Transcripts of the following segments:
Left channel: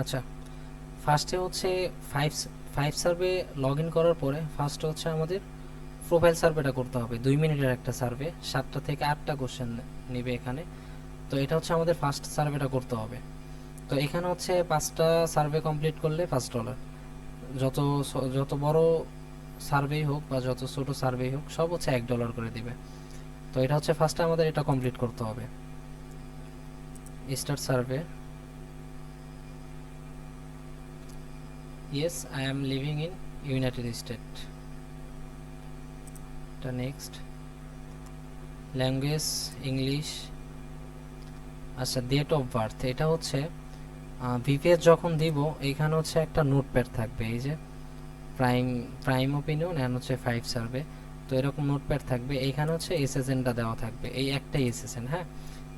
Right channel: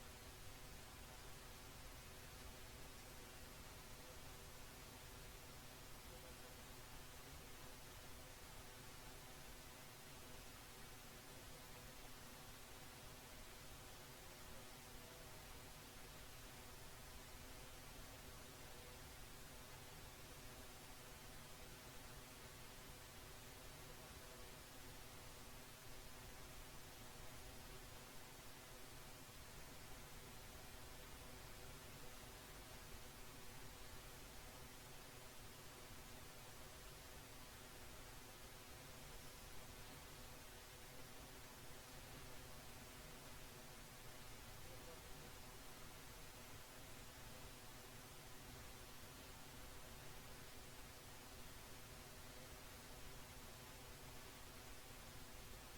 আচ্ছা ফার্স্টে হচ্ছে five five survey log in করার পরে ফার্স্টে হচ্ছে আমাদের প্রোফাইল সার্ভেটা করতে হবে। দুই মিনিটের একটা সার্ভে সাতটা থেকে আটটা কোশ্চেন নেবে এখানে। তো এটা হচ্ছে আমাদের ফার্স্ট সার্ভেটা করতে হবে। তো এখানে হচ্ছে পাঁচটা সার্ভে কমপ্লিট করলে পাঁচ ডলার যত যত বড় সার্ভেই হোক বা যত ছোট সার্ভেই হোক, সব হচ্ছে এক ডলার করে দিবে। তো এটা হচ্ছে ফার্স্টে আমাদের এটা কমপ্লিট করতে হবে। Start survey yes, i am living in united states. The next. Language English আচ্ছা ডেট অফ বার্থ এটা হচ্ছে ভিপিএস যখন দিব এইখানে হচ্ছে একটা নোটপ্যাড থাকবে, এই যে প্রাইম প্রাইম ওপিনিয়ন অ্যান্ড হচ্ছে ফাইভ সার্ভে তো এরকম নোটপ্যাড থাকবে এইখানে হচ্ছে এসএসএনটা দেওয়া থাকবে, এই একটাই এসএসএন হ্যাঁ?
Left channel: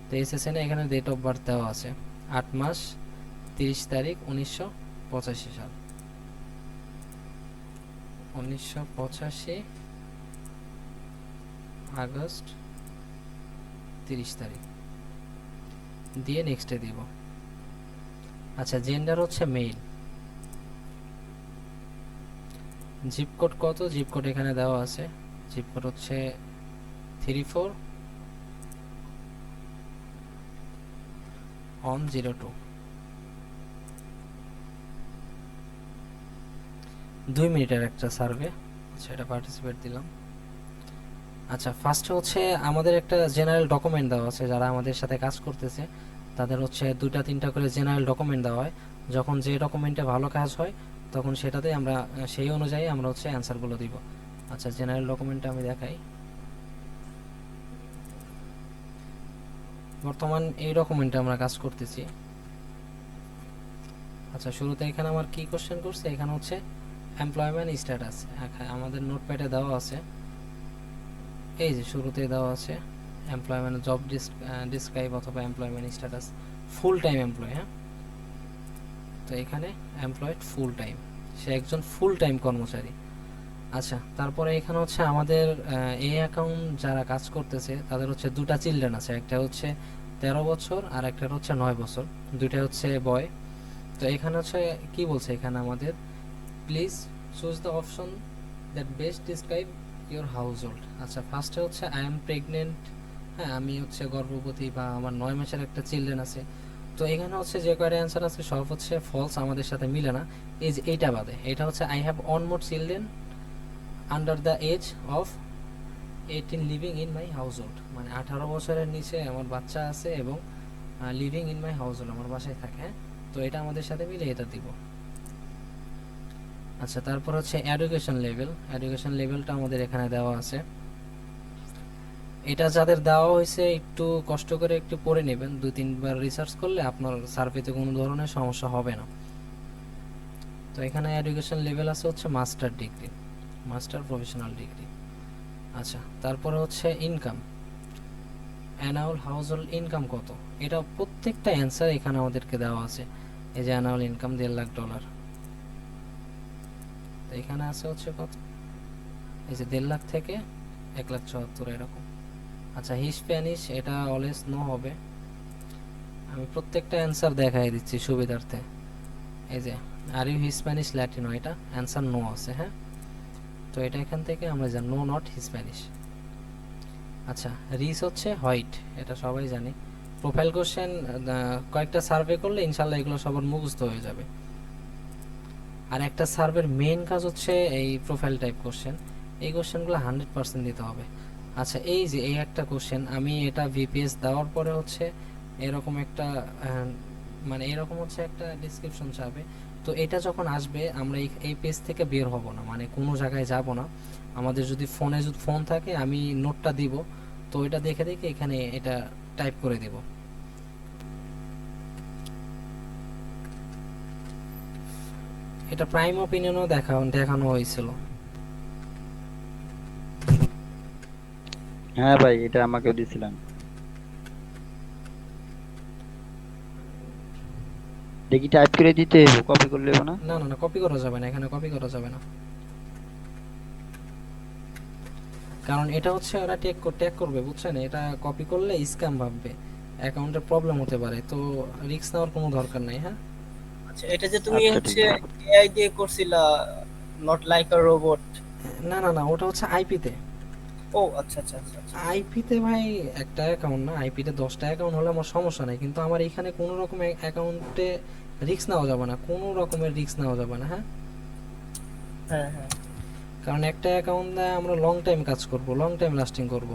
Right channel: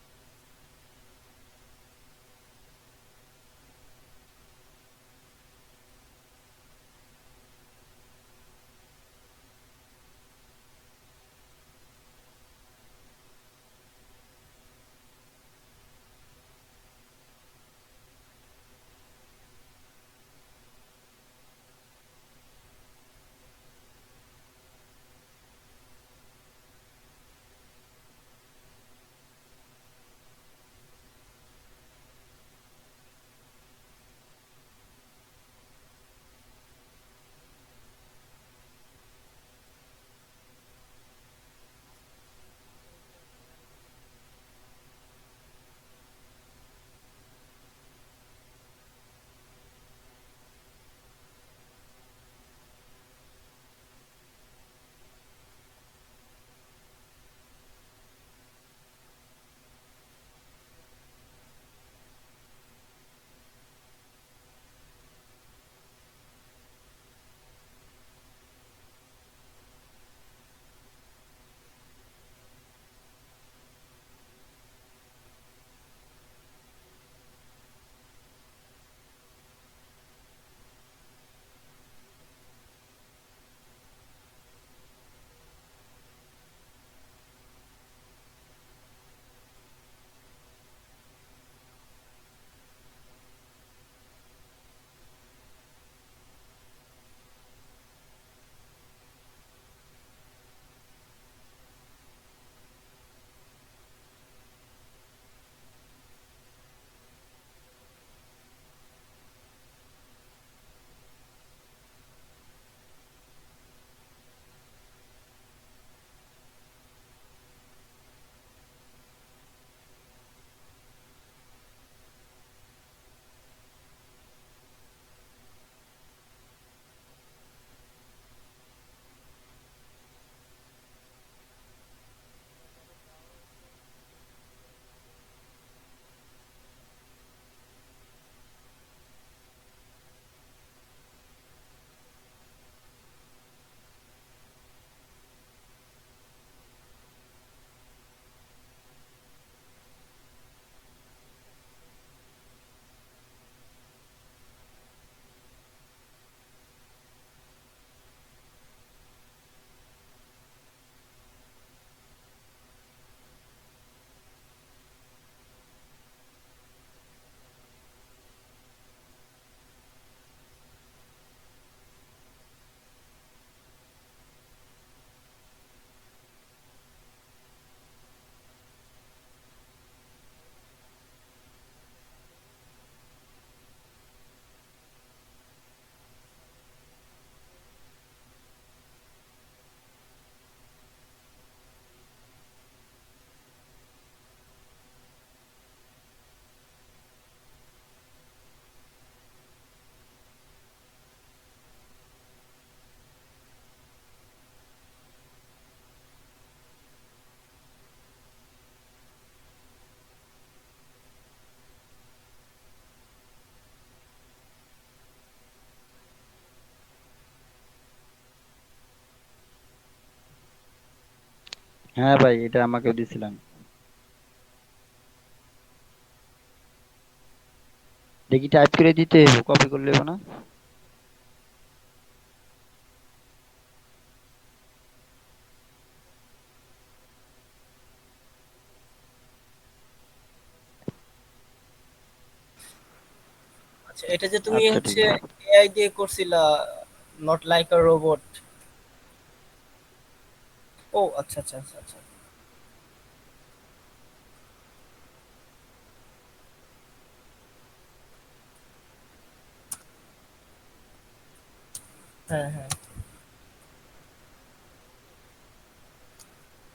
তো এসএসএন এখানে ডেট অফ বার্থ দেওয়া আছে, আট মাস, তিরিশ তারিখ, উনিশশো পঁচাশি সাল। উনিশশো পঁচাশি আগস্ট তিরিশ তারিখ। দিয়ে নেক্সটে দিব। আচ্ছা জেন্ডার হচ্ছে মেইল জিপ কোড কত? জিপ কোড এখানে দেওয়া আছে। জিপ কোড হচ্ছে three four one zero two দুই মিনিটের একটা সার্ভে সেটা পার্টিসিপেট দিলাম। আচ্ছা ফার্স্ট হচ্ছে আমাদের একটা জেনারেল ডকুমেন্ট দেওয়া আছে, যারা আমাদের সাথে কাজ করতেছে, তাদের হচ্ছে দুইটা, তিনটা করে জেনারেল ডকুমেন্ট দেওয়া হয়। যখন যে ডকুমেন্টে ভালো কাজ হয়, তখন সেটাতে আমরা, সেই অনুযায়ী আমরা হচ্ছে অ্যান্সারগুলো দিব। আচ্ছা জেনারেল ডকুমেন্টটা আমি দেখাই। বর্তমান এই ডকুমেন্টে আমরা কাজ করতেছি। আচ্ছা শুরুতে এখানে আমার কি কোশ্চেন করছে? এখানে হচ্ছে এমপ্লয়মেন্ট স্ট্যাটাস আমাদের নোটপ্যাডে দেওয়া আছে। এই যে শুরুতে দেওয়া আছে এমপ্লয়মেন্ট জব ডিসক্রাইব অথবা employment status full time employ হ্যাঁ? তো এখানে এমপ্লয়েড ফুল টাইম সে একজন ফুল টাইম কর্মচারী। আচ্ছা তারপরে এখানে হচ্ছে আমাদের এই অ্যাকাউন্ট যারা কাজ করতেছে, তাদের হচ্ছে দুটা চিলড্রেন আছে, একটা হচ্ছে তেরো বছর আর একটা হচ্ছে নয় বছর, দুইটা হচ্ছে বয় তো এখানে হচ্ছে, কি বলছে এখানে আমাদের? Please choose the option that best describe your household আচ্ছা ফার্স্টে হচ্ছে আই এম প্রেগনেন্ট হ্যাঁ আমি হচ্ছে গর্ভবতী বা আমার নয় মাসের একটা চিলড্রেন আছে। তো এখানে হচ্ছে যে কয়টা অ্যান্সার আছে, সব হচ্ছে ফলস আমাদের সাথে মিলে না। এই এইটা বাদে, এটা হচ্ছে I have on more children under the age of eighteen living in my household মানে আঠারো বছরের নিচে আমার বাচ্চা আছে এবং living in my household আমার বাসায় থাকে হ্যাঁ। তো এটা আমাদের সাথে মিলে এটা দিব। আচ্ছা তারপর হচ্ছে এডুকেশন লেভেল এডুকেশন লেভেলটা আমাদের এখানে দেওয়া আছে। এটা যাদের দেওয়া হয়েছে, একটু কষ্ট করে একটু পড়ে নেবেন। দুই তিনবার রিসার্চ করলে আপনার সার্ভেতে কোনো ধরনের সমস্যা হবে না। তো এখানে এডুকেশন লেভেল আছে হচ্ছে master degree master professional degree আচ্ছা তারপরে হচ্ছে income annual household income কত? এটা প্রত্যেকটা অ্যান্সার এখানে আমাদেরকে দেওয়া আছে। এই যে অ্যানাউল ইনকাম দেড় লাখ ডলার এখানে আছে হচ্ছে কত? এই যে দেড় লাখ থেকে এক লাখ চুয়াত্তর, এরকম। আচ্ছা হিসপ্যানিশ এটা অলওয়েজ নো হবে। আমি প্রত্যেকটা অ্যান্সার দেখাই দিচ্ছি সুবিধার্থে। এই যে, আর ইউ হিসপ্যানিশ ল্যাটিনো, এটা অ্যান্সার নো আছে হ্যাঁ? তো এটা এখান থেকে আমরা জানি, নো, নট হিসপ্যানিশ আচ্ছা রিস হচ্ছে হোয়াইট, এটা সবাই জানি। প্রোফাইল কোশ্চেন কয়েকটা সার্ভে করলে ইনশাল্লাহ এগুলো সবার মুখস্থ হয়ে যাবে। আর একটা সার্ভের মেইন কাজ হচ্ছে এই প্রোফাইল টাইপ কোশ্চেন এই কোশ্চেনগুলো হান্ড্রেড পার্সেন্ট দিতে হবে। আচ্ছা এই যে এই একটা কোশ্চেন আমি এটা ভিপিএস দেওয়ার পরে হচ্ছে এরকম একটা মানে এরকম হচ্ছে একটা ডিসক্রিপশন চাবে। তো এটা যখন আসবে, আমরা এই এই পেজ থেকে বের হব না মানে কোনো জায়গায় যাব না। আমাদের যদি ফোনে যদি ফোন থাকে, আমি নোটটা দিব। তো এটা দেখে দেখে এখানে এটা টাইপ করে দেব। এটা প্রাইম ওপিনিয়নও দেখা দেখানো হয়েছিল। হ্যাঁ ভাই এটা আমাকেও দিছিলেন। দেখি টাইপ করে দিতে কপি করলে না? না না কপি করা যাবে না এখানে কপি করা যাবে না। কারণ এটা হচ্ছে ওরা টেক ট্যাগ করবে বুঝছেন? এটা কপি করলে স্ক্যাম ভাববে। অ্যাকাউন্টে প্রবলেম হতে পারে তো রিস্ক নেওয়ার কোনো দরকার নাই হ্যাঁ? আচ্ছা এটা যে তুমি আচ্ছা, হচ্ছে এআই দিয়ে করছিলা নট লাইক আ রোবট না না না ওটা হচ্ছে আইপিতে ও আচ্ছা আচ্ছা আচ্ছা আচ্ছা। আইপিতে ভাই একটা অ্যাকাউন্ট না আইপিতে দশটা অ্যাকাউন্ট হলে আমার সমস্যা নেই কিন্তু আমার এখানে কোনো রকম অ্যাকাউন্টে রিস্ক নেওয়া যাবে না কোনো রকমের রিস্ক নেওয়া যাবে না হ্যাঁ? হ্যাঁ হ্যাঁ। কারণ একটা অ্যাকাউন্ট দিয়ে আমরা লং টাইম কাজ করব লং টাইম লাস্টিং করব।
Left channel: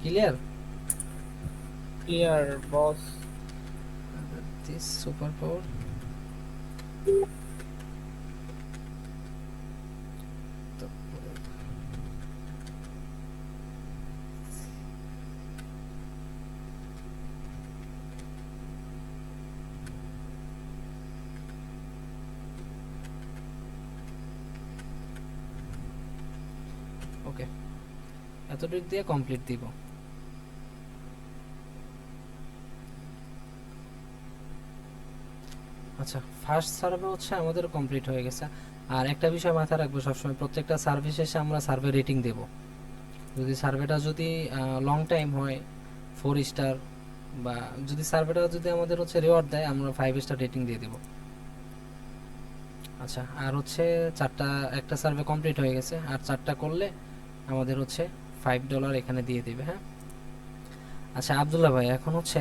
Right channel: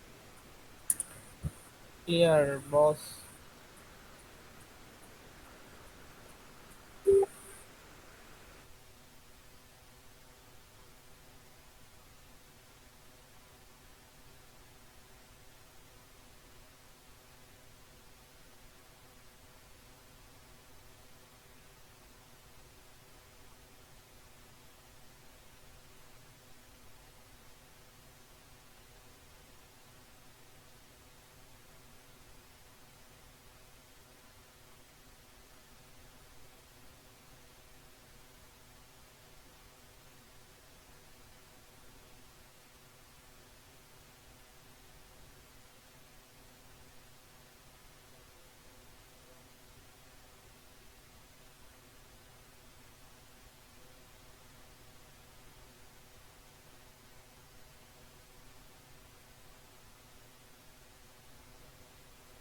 Clear clear boss this super power okay এতটুকু দিয়ে কমপ্লিট দিব আচ্ছা ফার্স্ট সার্ভে হচ্ছে আমাদের কমপ্লিট হয়ে গেছে। আর একটা বিষয় মাথায় রাখব সবসময়, প্রত্যেকটা সার্ভে শেষে আমরা সার্ভে রেটিং দেব। যদি সার্ভেটা যদি লং টাইম হয় ফোর স্টার বা যদি সার্ভেটা যদি আমাদের হচ্ছে রিওয়ার্ড দেয়, আমরা ফাইভ স্টার রেটিং দিয়ে দেব। আচ্ছা আর হচ্ছে চারটা, একটা সার্ভে কমপ্লিট হয়ে গেছে, আর চারটা করলে আমাদের হচ্ছে ফাইভ ডলার এখানে দিয়ে দেবে হ্যাঁ? আচ্ছা আবদুল্লাহ ভাই, এখন হচ্ছে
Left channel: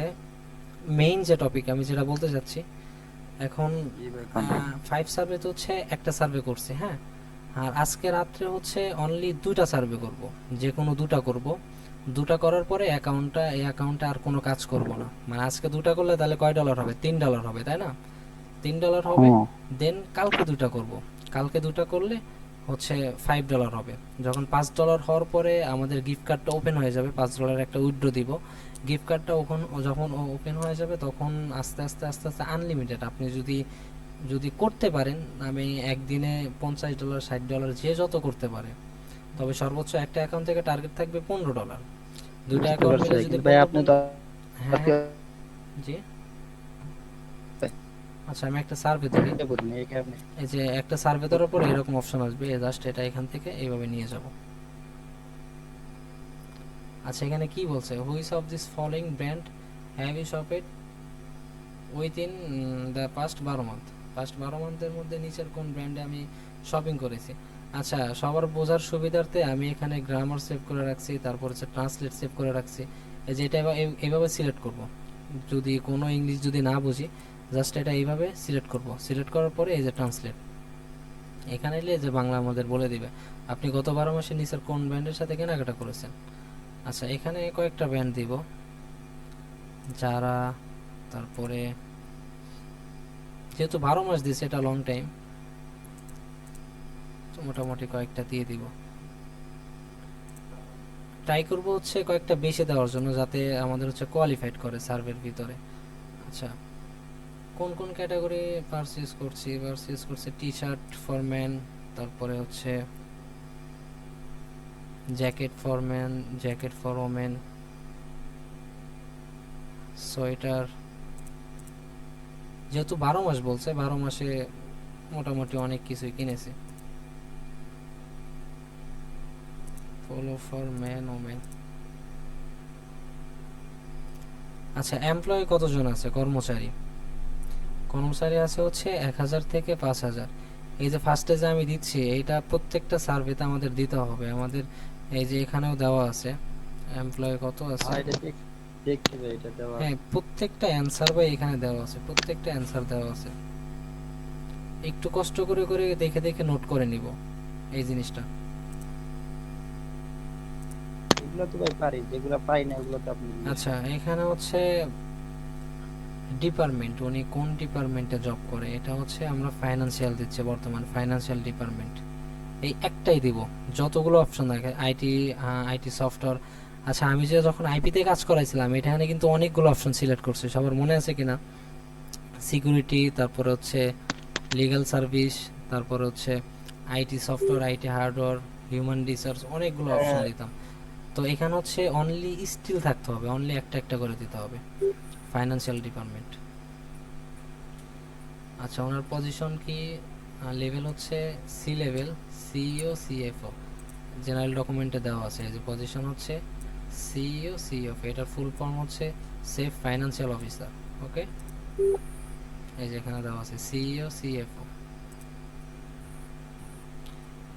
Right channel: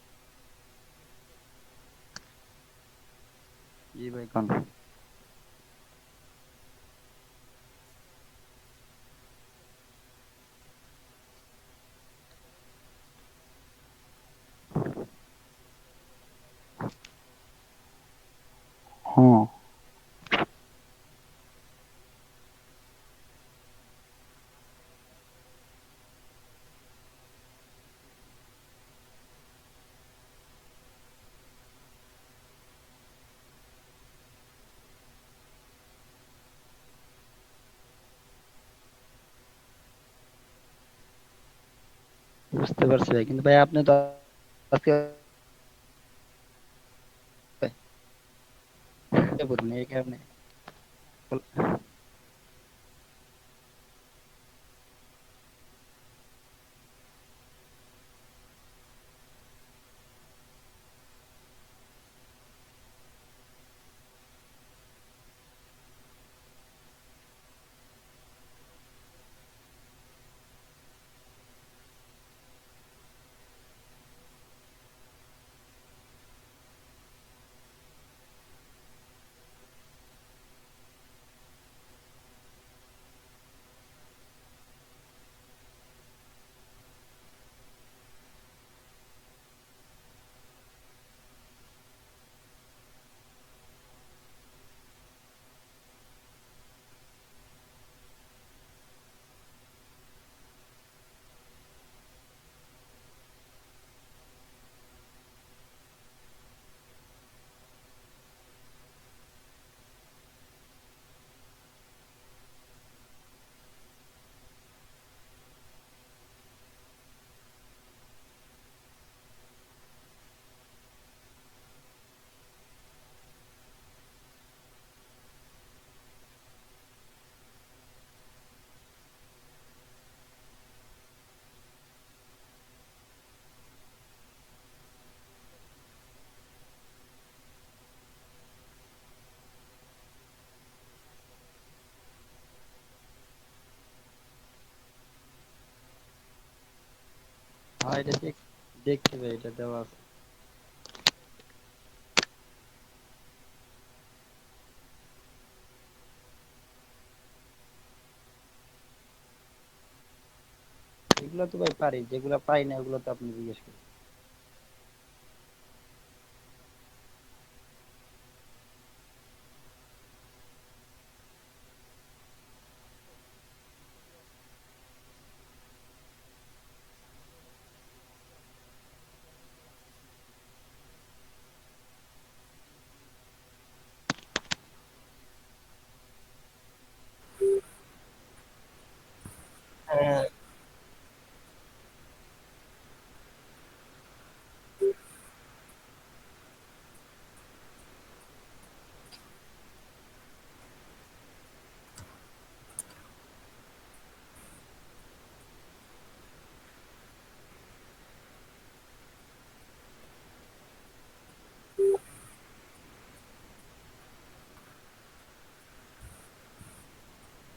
মেইন যে টপিক আমি যেটা বলতে চাচ্ছি এখন ফাইভ সার্ভে তো হচ্ছে একটা সার্ভে করছি হ্যাঁ? আর আজকে রাত্রে হচ্ছে অনলি দুটা সার্ভে করব যে কোনো দুটা করব। দুটা করার পরে অ্যাকাউন্টটা এই অ্যাকাউন্টে আর কোনো কাজ করব না। মানে আজকে দুটা করলে তাহলে কয় ডলার হবে? তিন ডলার হবে তাই না? তিন ডলার হবে দেন কালকে দুটা করব। কালকে দুটা করলে হচ্ছে ফাইভ ডলার হবে। যখন পাঁচ ডলার হওয়ার পরে আমাদের গিফট কার্ডটা ওপেন হয়ে যাবে পাঁচ ডলার একটা উইড্রো দিব। গিফট কার্ডটা ওখন যখন ওপেন হয়ে যাবে তখন আস্তে আস্তে আস্তে আস্তে আনলিমিটেড আপনি যদি যদি করতে পারেন আমি একদিনে পঞ্চাশ ডলার ষাট ডলার যে যত করতে পারে তবে সর্বোচ্চ একটা অ্যাকাউন্ট থেকে টার্গেট থাকবে পনেরো ডলার দুটো অ্যাকাউন্ট ভাই আপনি তো হ্যাঁ। জি? আচ্ছা আমি একটা সার্ভে থেকে এই যে একটা সার্ভে দেওয়ার পরে এরকম অপশন আসবে জাস্ট এটা এখান থেকে এইভাবে নিয়ে যাব। আচ্ছা এখানে কি বলছে? Which of this following brand have you shopped within the past বারো মান্থ পাস্ট বারো মান্থের মধ্যে নিচের কোন ব্র্যান্ডে আমি শপিং করেছি? আচ্ছা সবার বোঝার সুবিধার্থে আমি এখানে গ্রামার সেভ করে রাখছি, তারপর হচ্ছে ট্রান্সলেট সেভ করে রাখছি। যে এটা এইভাবে সিলেক্ট করব। যদি কোনো ইংলিশ যদি না বুঝি জাস্ট এটা এইভাবে সিলেক্ট করব। সিলেক্ট করার পরে এই যে ট্রান্সলেট এখানে এলে যে বাংলা আমাদের বলে দিবে। আপনি গত বারো মাসে নিচের কোন ব্র্যান্ডের সাথে কেনাকাটা করেছেন? আচ্ছা এখানে কয়েকটা ব্র্যান্ড দিব। যারা তারপরে যেহেতু বারো মাস দিয়েছে এটা লং টাইম মোটামুটি কয়েকটা দিয়ে দিব। ট্রাই করব হচ্ছে কয়েকটা বেশি দেওয়ার জন্য, যাতে আমাদের হচ্ছে কোয়ালিফাইড করে সার্ভের ভিতরে। আচ্ছা কোন কোন ক্যাটাগরি পারচেজ করছি? পারচেজ করছে টি শার্ট ফর ম্যান তারপরে হচ্ছে jacket for man jacket for women sweater. যেহেতু বারো মাস বলছে, বারো মাসে মোটামুটি অনেক কিছুই কিনেছি। Follow for man women. আচ্ছা এমপ্লয়ি কতজন আছে? কর্মচারী? কর্মচারী আছে হচ্ছে এক হাজার থেকে পাঁচ হাজার। এই যে ফার্স্টে যে আমি দিচ্ছি এটা প্রত্যেকটা সার্ভেতে আমাদের দিতে হবে। আমাদের এই যে এখানেও দেওয়া আছে এমপ্লয়ি কত আছে? হ্যাঁ এটা দেখ দেখছি ভাই এটা দেওয়া হ্যাঁ প্রত্যেকটা অ্যান্সার ভাই এখানে দেওয়া আছে প্রত্যেকটা অ্যান্সার দেওয়া আছে। একটু কষ্ট করে করে দেখে দেখে নোট করে নিব এই জিনিসটা। এগুলো তো ভাই পারি যেগুলো পাই না ওগুলো তো আপনি আচ্ছা এখানে হচ্ছে ডিপার্টমেন্ট উনি কোন ডিপার্টমেন্টে জব করে? এটা হচ্ছে আমরা ফাইনান্সিয়াল দিচ্ছে বর্তমান ফাইনান্সিয়াল ডিপার্টমেন্ট এই একটাই দিব। যতগুলো অপশন থাকে আইটি আইটি সফটওয়্যার আচ্ছা আমি যে যখন আইপিতে কাজ করাইছিলাম এখানে কিন্তু অনেকগুলো অপশন সিলেক্ট করছি। সবার মনে আছে কিনা? সিকিউরিটি তারপরে হচ্ছে লিগ্যাল সার্ভিস তারপরে হচ্ছে IT software IT hardware human research অনেকগুলো অপশন দিতাম। তো এখানে হচ্ছে অনলি স্টিল থাকতে হবে অনলি একটা একটা করে দিতে হবে। ফাইনান্সিয়াল ডিপার্টমেন্ট আচ্ছা ওনার পজিশন কি? লেভেল হচ্ছে C level CEO CFO general ডকুমেন্টে দেওয়া আছে যে পজিশন হচ্ছে সিইও সিএফও এটার ফুল ফর্ম হচ্ছে সেফ ফাইনান্সিয়াল অফিসার ওকে এই যে এখানে দেওয়া আছে সিইও সিএফও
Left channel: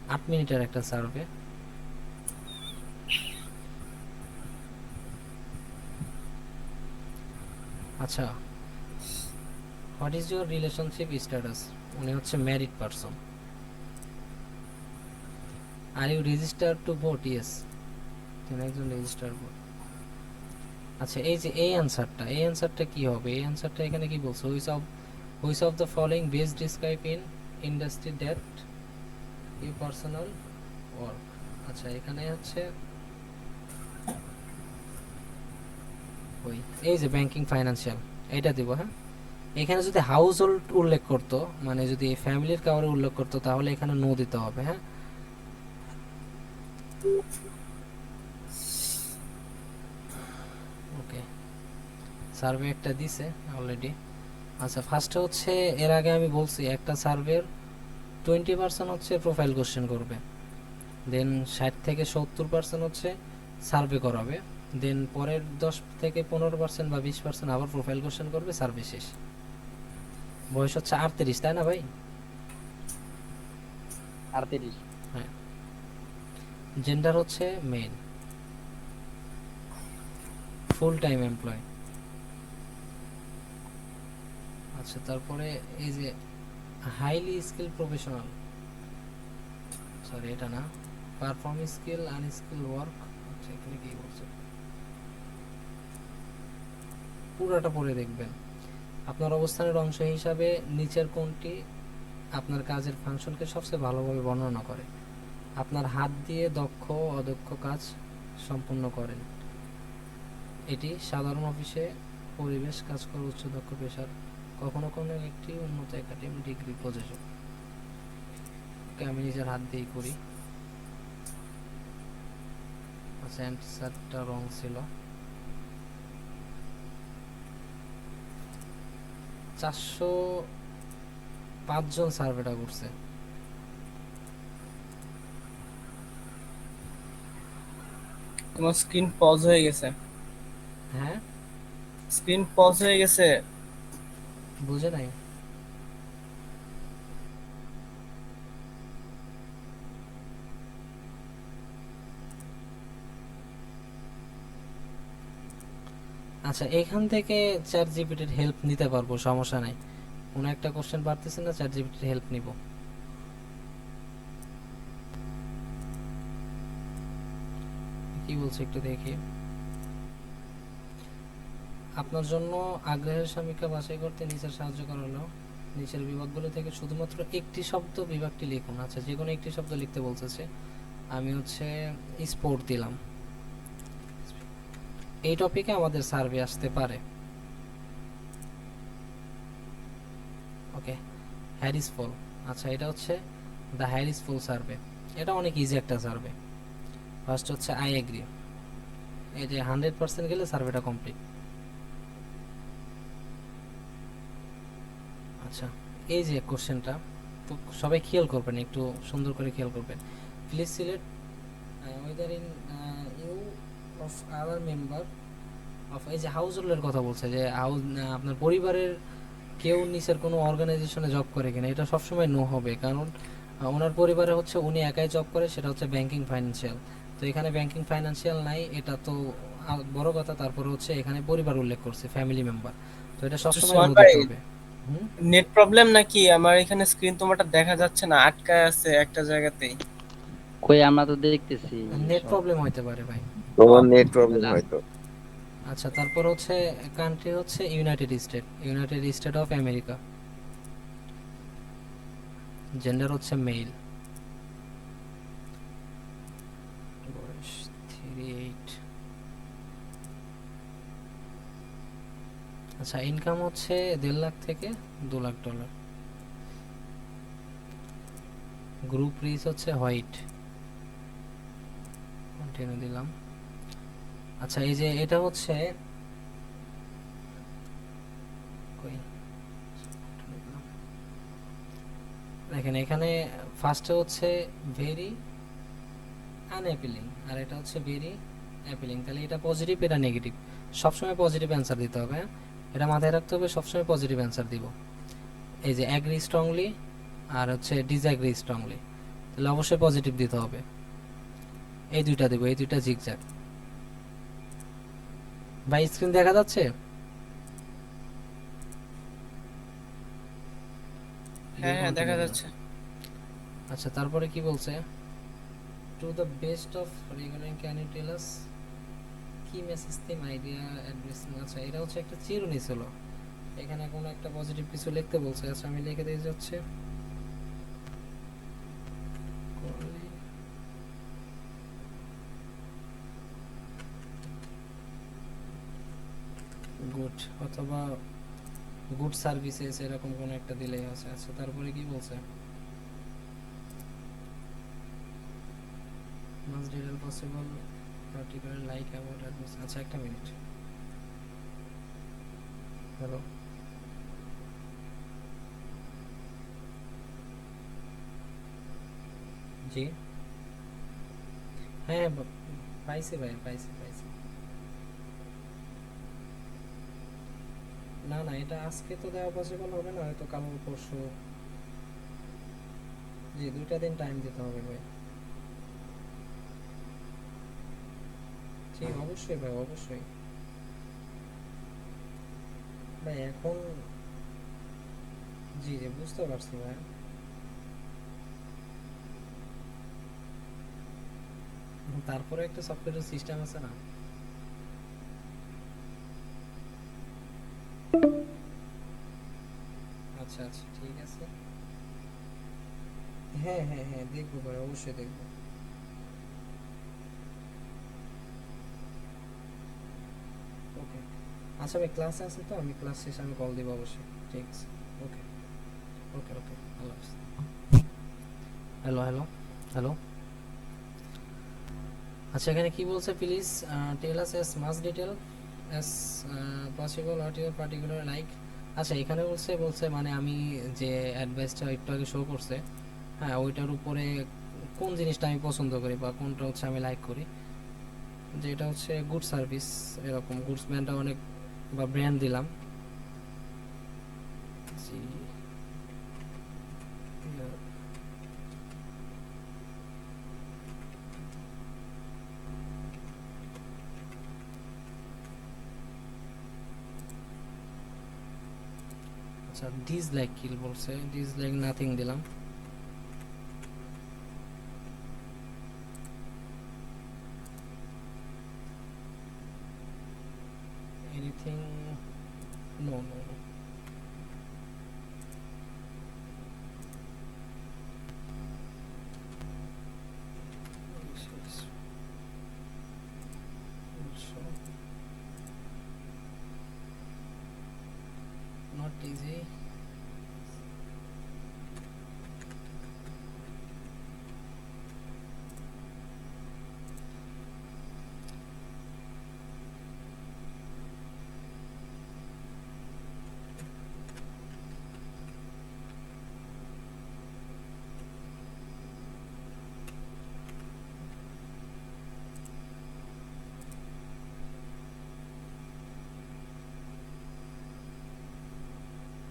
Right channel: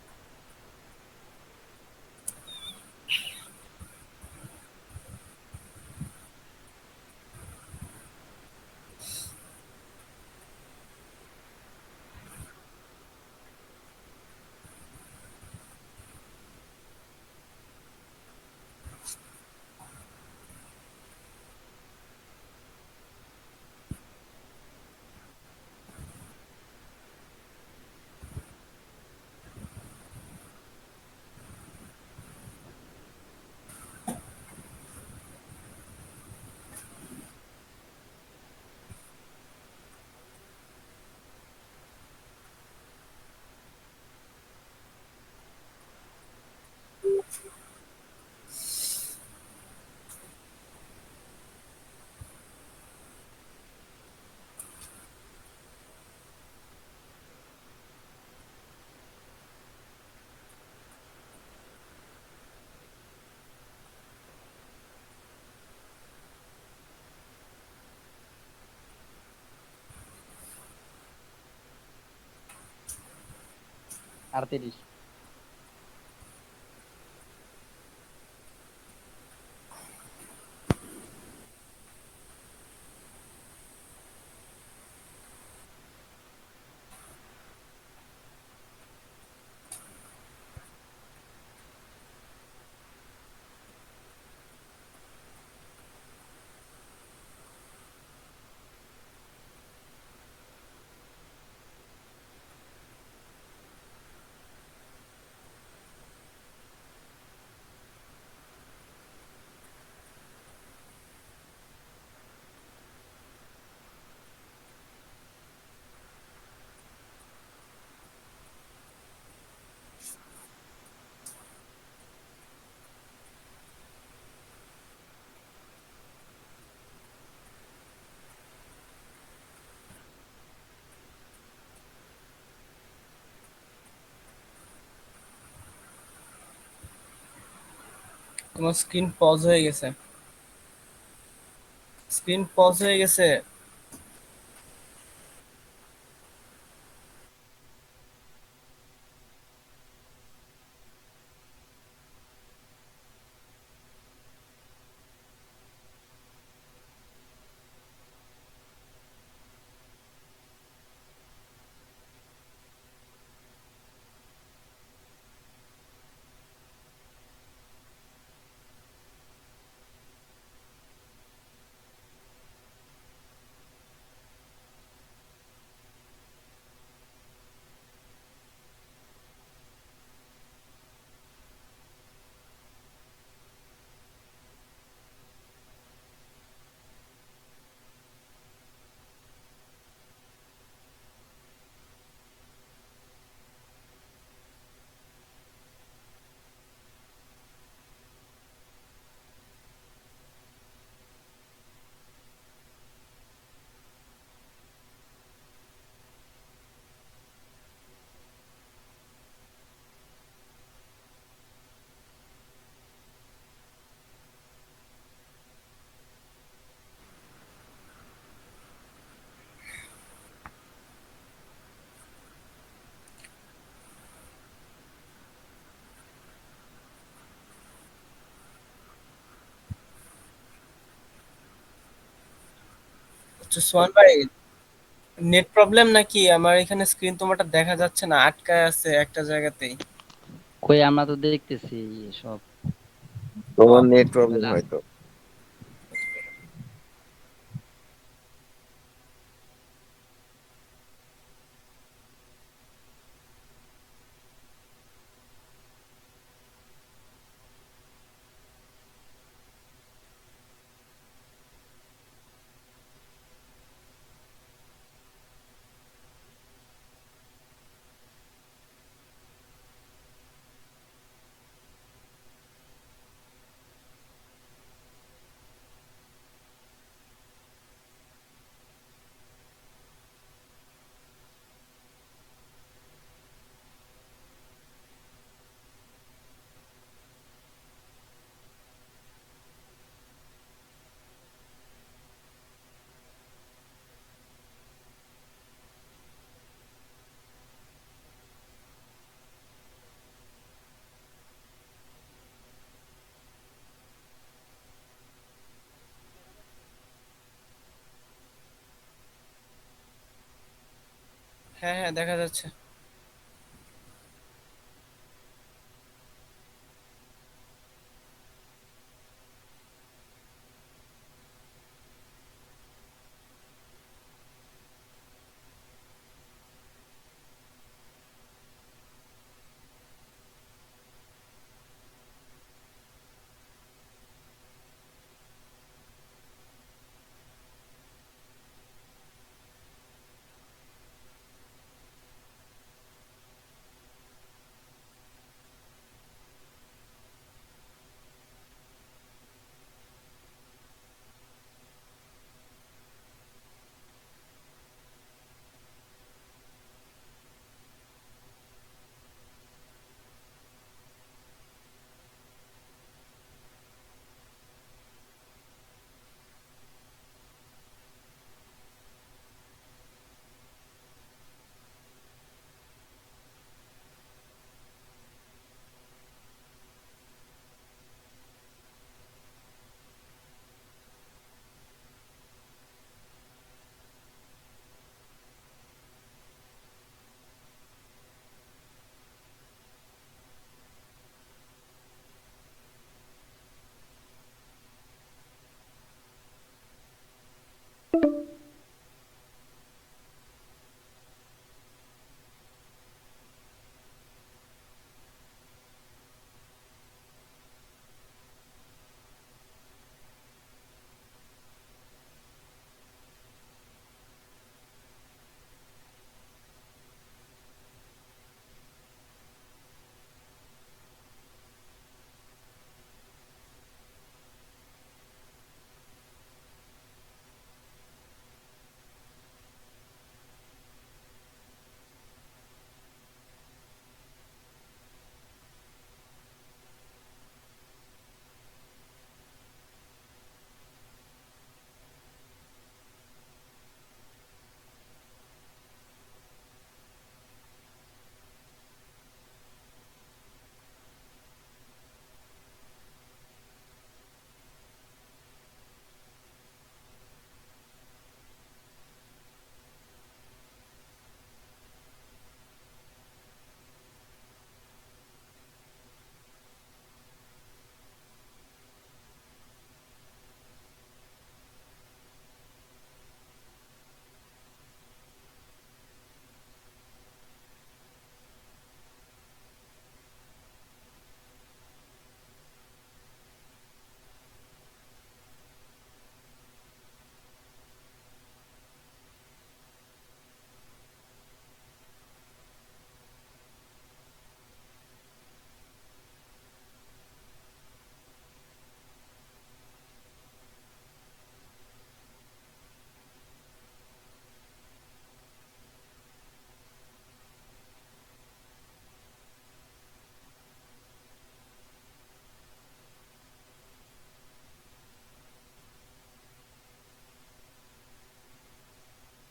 আট মিনিটের একটা সার্ভে আচ্ছা what is your relationship status উনি হচ্ছে married person are you register to vote yes তিনি একজন রেজিস্টার ভোট আচ্ছা এই যে এই অ্যানসারটা এই অ্যানসারটা কি হবে? এই অ্যানসারটা এখানে কি বলছে? Which of which of the following best describe in industry that you personal work আচ্ছা এখানে হচ্ছে ওই, এই যে ব্যাংকিং ফাইন্যান্সিয়াল এটা দিব হ্যাঁ? এখানে যদি হাউস হোল্ড উল্লেখ করতো মানে যদি ফ্যামিলির কাউরে উল্লেখ করতো, তাহলে এখানে নো দিতে হবে হ্যাঁ? ওকে সার্ভে একটা দিছে অলরেডি আচ্ছা ফার্স্টে হচ্ছে, এর আগে আমি বলছি, একটা সার্ভের টোয়েন্টি পার্সেন্ট হচ্ছে প্রোফাইল কোশ্চেন করবে। দেন ষাট থেকে সত্তর পার্সেন্ট হচ্ছে সার্ভে করাবে। দেন পরের দশ থেকে পনেরো পার্সেন্ট বা বিশ পার্সেন্ট আবার প্রোফাইল কোশ্চেন করবে সার্ভে শেষ। বয়স হচ্ছে আটত্রিশ, তাই না ভাই? আটত্রিশ। জেন্ডার হচ্ছে মেল ফুল টাইম এমপ্লয় আচ্ছা তারপরে এই যে হাইলি স্কিল প্রফেশনাল সরি এটা না। পারফর্ম স্কিল আনস্কিল ওয়ার্ক পুরোটা পড়ে দেখবেন। আপনার অবস্থানের অংশ হিসাবে নিচের কোনটি আপনার কাজের ফাংশনকে সবচেয়ে ভালোভাবে বর্ণনা করে? আপনার হাত দিয়ে দক্ষ ও অদক্ষ কাজ সম্পূর্ণ করেন। এটি সাধারণ অফিসে পরিবেশ কাজ করা উচ্চ দক্ষ পেশার কখনো কোনো একটি উন্নত একাডেমিক ডিগ্রি প্রযোজক। আমি নিজের হাত দিয়েই করি অ্যান্সারটা রং ছিল। চারশো পাঁচজন সার্ভেটা করছে। তোমার স্ক্রিন পজ হয়ে গেছে। হ্যাঁ? স্ক্রিন পজ হয়ে গেছে। বুঝে নাই। আচ্ছা এখান থেকে চ্যাট জিপিটির হেল্প নিতে পারব সমস্যা নাই। কোনো একটা কোশ্চেন পারতেছি না চ্যাট জিপিটির হেল্প নিব কি বলছে একটু দেখি। আপনার জন্য আগ্রহের সমীক্ষা বাছাই করতে নিচের সাহায্য করা হলো নিচের বিভাগগুলো থেকে শুধুমাত্র একটি শব্দ বিভাগটি লিখুন। আচ্ছা যে কোনো একটি শব্দ লিখতে বলতেছে। আমি হচ্ছে স্পোর্ট দিলাম। এই টপিকে আমাদের সার্ভে আসতে পারে। Okay, Harris Poll. আচ্ছা এটা হচ্ছে দ্য হ্যারিস ফল সার্ভে। এটা অনেক ইজি একটা সার্ভে। ফার্স্ট হচ্ছে আই এগ্রি এই যে হান্ড্রেড পার্সেন্ট গেলে সার্ভেটা কমপ্লিট আচ্ছা এই যে কোশ্চেনটা তো সবাই খেয়াল করবেন, একটু সুন্দর করে খেয়াল করবেন। Please select whether in you of our member of এই যে হাউস হোল্ডের কথা বলছে যে হাউস আপনার পরিবারের কেউ নিচের কোনো অর্গানাইজেশনে জব করে কিনা, এটা সবসময় নো হবে। কারণ ওনার পরিবারে হচ্ছে উনি একাই জব করে, সেটা হচ্ছে ব্যাংকিং ফাইন্যান্সিয়াল তো এখানে ব্যাংকিং ফাইন্যান্সিয়াল নাই এটা তো বড় কথা তারপরে হচ্ছে এখানে পরিবার উল্লেখ করছে ফ্যামিলি মেম্বার তো এটা সবসময় হবে। হুম? নেট প্রবলেম নাকি? আমার এখানে স্ক্রিন তোমারটা দেখা যাচ্ছে না আটকায় আছে একটা জায়গাতেই। কই আমরা তো দেখতেছি নেট প্রবলেম হইতে পারে ভাই। তোমার নেট প্রবলেম হয়তো। আচ্ছা তারপর হচ্ছে কান্ট্রি হচ্ছে United State United State of America gender হচ্ছে মেল বয়স থ্রি এইট আচ্ছা ইনকাম হচ্ছে দেড় লাখ থেকে দু লাখ ডলার গ্রুপ রিচ হচ্ছে হোয়াইট কন্টিনিউ দিলাম। আচ্ছা এই যে এটা হচ্ছে দেখেন, এখানে ফার্স্টে হচ্ছে ভেরি আনঅ্যাপিলিং আর এটা হচ্ছে ভেরি অ্যাপিলিং তাহলে এটা পজিটিভ এটা নেগেটিভ সবসময় পজিটিভ অ্যান্সার দিতে হবে হ্যাঁ? এটা মাথায় রাখতে হবে সবসময় পজিটিভ অ্যান্সার দিব। এই যে অ্যাগ্রি স্ট্রংলি আর হচ্ছে ডিসঅ্যাগ্রি স্ট্রংলি তাহলে অবশ্যই পজিটিভ দিতে হবে। এই দুইটা দেবো এই দুইটা জিগজ্যাগ ভাই স্ক্রিন দেখা যাচ্ছে? হ্যাঁ হ্যাঁ দেখা যাচ্ছে। আচ্ছা তারপরে কি বলছে? To the best of regular can you tell us কি আইডিয়া আচ্ছা এটা হচ্ছে একটা চিরুনি ছিল। এখানে কোনো একটা পজিটিভ কিছু লিখতে বলছে। আচ্ছা আমি লিখে দিয়ে যাচ্ছে। গুড অথবা গুড সার্ভিসেস এরকম কোনো একটা দিলেই আছে। আচ্ছা তারপরে কি বলছে? Must detail possible আচ্ছা একটা মিনিট হ্যালো জি? হ্যাঁ হ্যাঁ, পাইছি ভাই পাইছি পাইছি। না না এটা আজকে তো দেওয়া পসিবল হবে না হয়তো কাল পরশু। জি দুইটা দিন টাইম দিতে হবে ভাই জি অবশ্যই ভাই অবশ্যই। ভাই, এখন জি জি, বুঝতে পারছি ভাই। তারপরে একটা সফটওয়্যার সিস্টেম আছে না? আচ্ছা আচ্ছা ঠিক আছে। হ্যাঁ হ্যাঁ হ্যাঁ দেখব ভাই, অবশ্যই দেখব ওকে আচ্ছা ভাই ক্লাসে আছে তো? আমি ক্লাস শেষে আমি কল দিব অবশ্যই। ঠিক আছে। Okay okay okay Allah hello hello hello আচ্ছা এখানে কি বলছে please tell us as much detail as possible what your particular like আচ্ছা এখানে বলছে বলছে মানে আমি যে অ্যাডভাইসটা একটু আগে শো করছে হ্যাঁ ওইটার উপরে কোন জিনিসটা আমি পছন্দ করি বা কোনটা হচ্ছে আমি লাইক করি? যেটা হচ্ছে গুড সার্ভিস এরকম গুডসম্যানটা অনেক বা ব্র্যান্ড দিলাম। আচ্ছা ডিসলাইক কি বলছে ডিসলাইক নাথিং দিলাম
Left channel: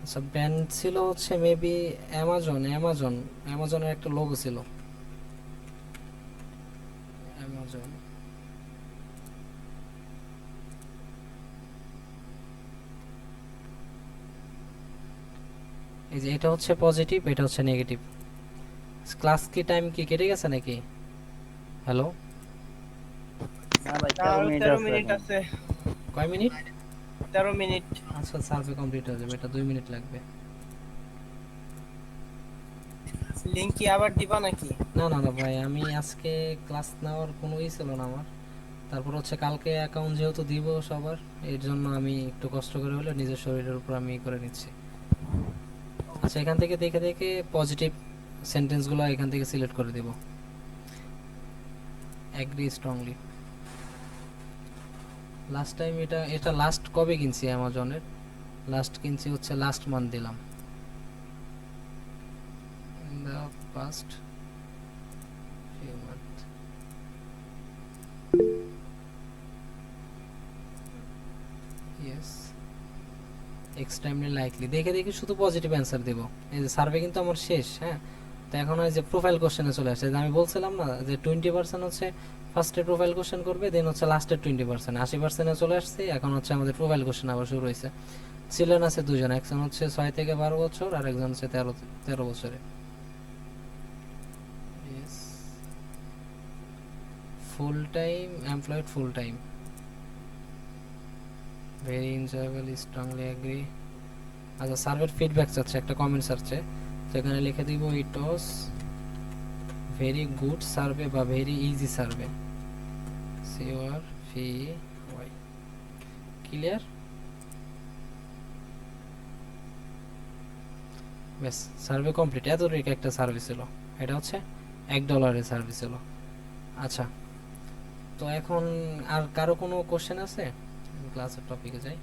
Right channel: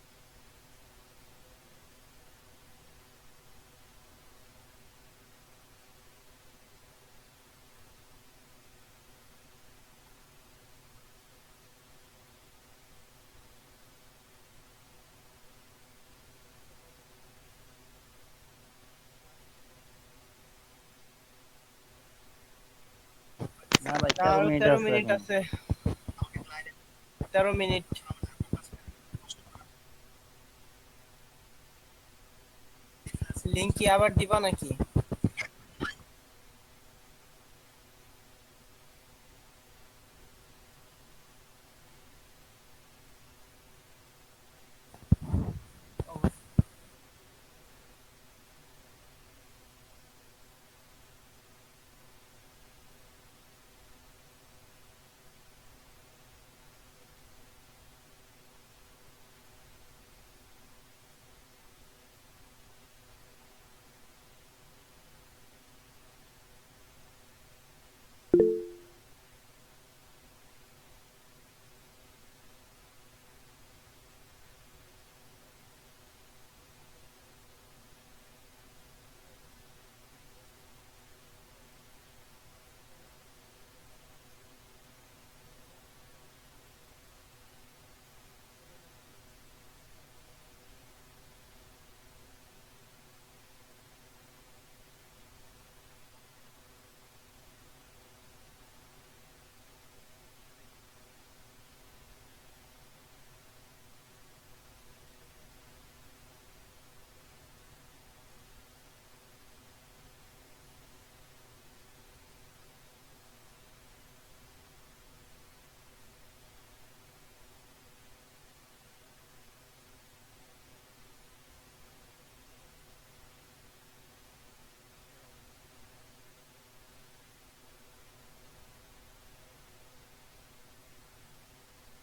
আচ্ছা ব্র্যান্ড ছিল হচ্ছে মেবি অ্যামাজন অ্যামাজন অ্যামাজনের একটা লোগো ছিল। অ্যামাজন এই যে এটা হচ্ছে পজিটিভ এটা হচ্ছে নেগেটিভ ক্লাস কি টাইম কি কেটে গেছে নাকি? হ্যালো না ভাই 13 মিনিট। আছে। কয় মিনিট? তেরো মিনিট। আচ্ছা আচ্ছা কমপ্লিট হয়ে যাবে। এটা দুই মিনিট লাগবে। লিঙ্ক কি আবার দিবা নাকি? না না না ভাই আমি আজকে ক্লাস নেওয়ার কোনো ই ছিল না আমার। তারপর হচ্ছে কালকে অ্যাকাউন্ট যেহেতু দিব সবার এর জন্য আমি একটু কষ্ট করে হলে নিজের শরীরের উপর আমি করে নিচ্ছি। আচ্ছা এখান থেকে দেখে দেখে পজিটিভ সেন্টেন্সগুলো এখান থেকে সিলেক্ট করে দেব। অ্যাগ্রি স্ট্রংলি লাস্ট টাইম এটা এটা লাস্ট কবে কিনছি অ্যামাজনের লাস্ট কিনছি হচ্ছে লাস্ট মান্থ দিলাম। পাস্ট. এক্সট্রিমলি লাইকলি দেখে দেখে শুধু পজিটিভ অ্যান্সার দেব। এই যে সার্ভে কিন্তু আমার শেষ হ্যাঁ? তো এখন ওই যে প্রোফাইল কোশ্চেনে চলে আসছে আমি বলছিলাম না যে টোয়েন্টি পার্সেন্ট হচ্ছে ফার্স্টে প্রোফাইল কোশ্চেন করবে দেন হচ্ছে লাস্টের টোয়েন্টি পার্সেন্ট আশি পার্সেন্টে চলে আসছে, এখন হচ্ছে আমাদের প্রোফাইল কোশ্চেন আবার শুরু হয়েছে। ছিলেন আছে দুজন, একজন হচ্ছে ছয় থেকে বারো বছর আর একজন হচ্ছে তেরো তেরো বছরে full time employed full time very enjoyable strongly agree আচ্ছা সার্ভের ফিডব্যাক চাচ্ছে, একটা কমেন্ট চাচ্ছে। সেখানে লিখে দিব it was very good survey বা ভেরি ইজি সার্ভে সিওর ফি ওয়াই ক্লিয়ার ব্যাস সার্ভে কমপ্লিট এত রিক একটা সার্ভিস ছিল। এটা হচ্ছে এক ডলারের সার্ভিস ছিল। আচ্ছা তো এখন আর কারও কোনো কোশ্চেন আছে? ক্লাসের টপিকে যাই।